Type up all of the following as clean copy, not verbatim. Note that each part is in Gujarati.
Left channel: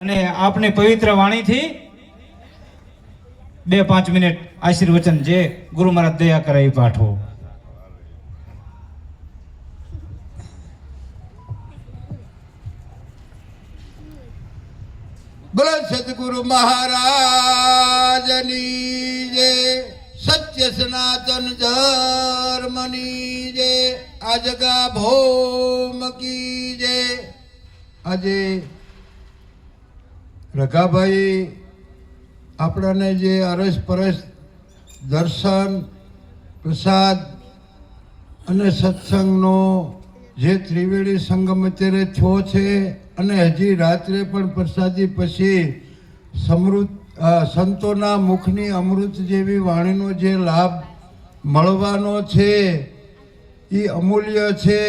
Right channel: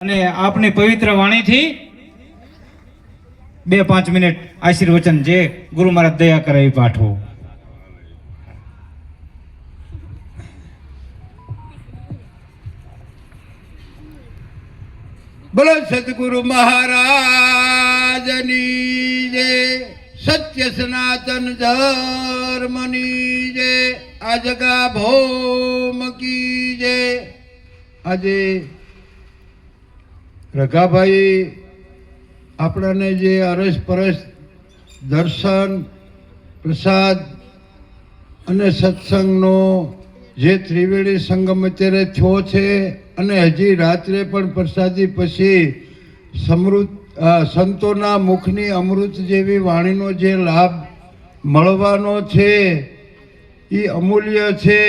અને આપની પવિત્ર વાણીથી 2-5 મિનિટ આશીર્વચન જે ગુરુ મહારાજ દયા કરાવી પાઠવો. બોલો સદગુરુ મહારાજની જય, સત્ય સનાતન ધર્મની જય, આજગા ભૌમ કી જય. આજે રઘાભાઈ આપણાને જે અરસ પરસ દર્શન પ્રસાદ અને સત્સંગનો જે ત્રિવેણી સંગમ અત્યારે થયો છે અને હજી રાત્રે પણ પ્રસાદી પછી સમૃદ્ધ સંતોના મુખની અમૃત જેવી વાણીનો જે લાભ મળવાનો છે એ અમૂલ્ય છે.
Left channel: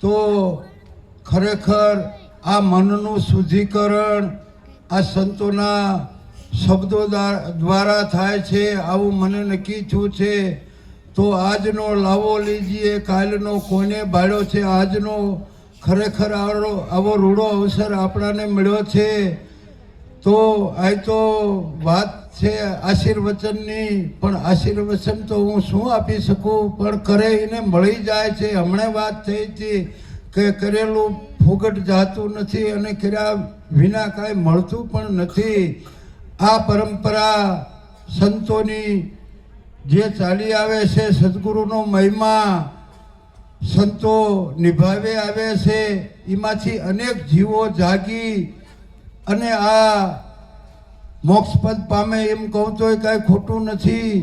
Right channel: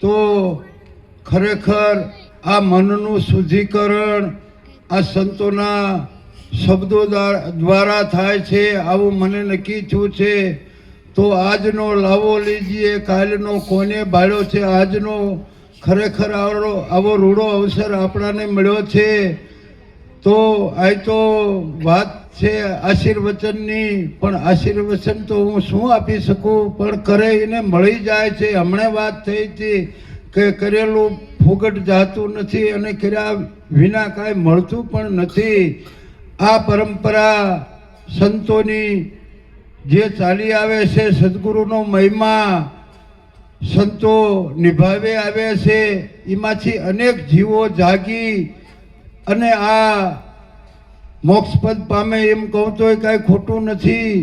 તો ખરેખર આ મનનું શુદ્ધિકરણ આ સંતોના શબ્દો દ્વારા થાય છે આવું મને નક્કી થયું છે. તો આજનો લાવો લીજીએ, કાલનો કોને બાળ્યો છે. આજનો ખરેખર આવો રૂડો અવસર આપણાને મળ્યો છે. તો આ તો વાત છે આશીર્વચનની, પણ આશીર્વચન તો હું શું આપી શકું, પણ કરે એને મળી જાય છે. હમણાં વાત થઈ હતી કે કરેલું ફોગટ જાતું નથી અને કર્યા વિના કાંઈ મળતું પણ નથી. આ પરંપરા સંતોની જે ચાલી આવે છે, સદગુરુનો મહિમા સંતો નિભાવે આવે છે, એમાંથી અનેક જીવો જાગી અને આ મોક્ષપદ પામે એમ કહું તો કાંઈ ખોટું નથી.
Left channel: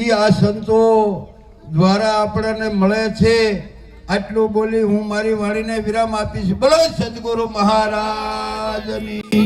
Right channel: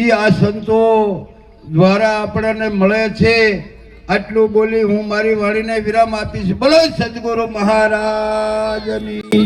એ આ સંતો દ્વારા આપણને મળે છે. આટલું બોલી હું મારી વાણીને વિરામ આપીશ. બોલો સદગુરુ મહારાજની.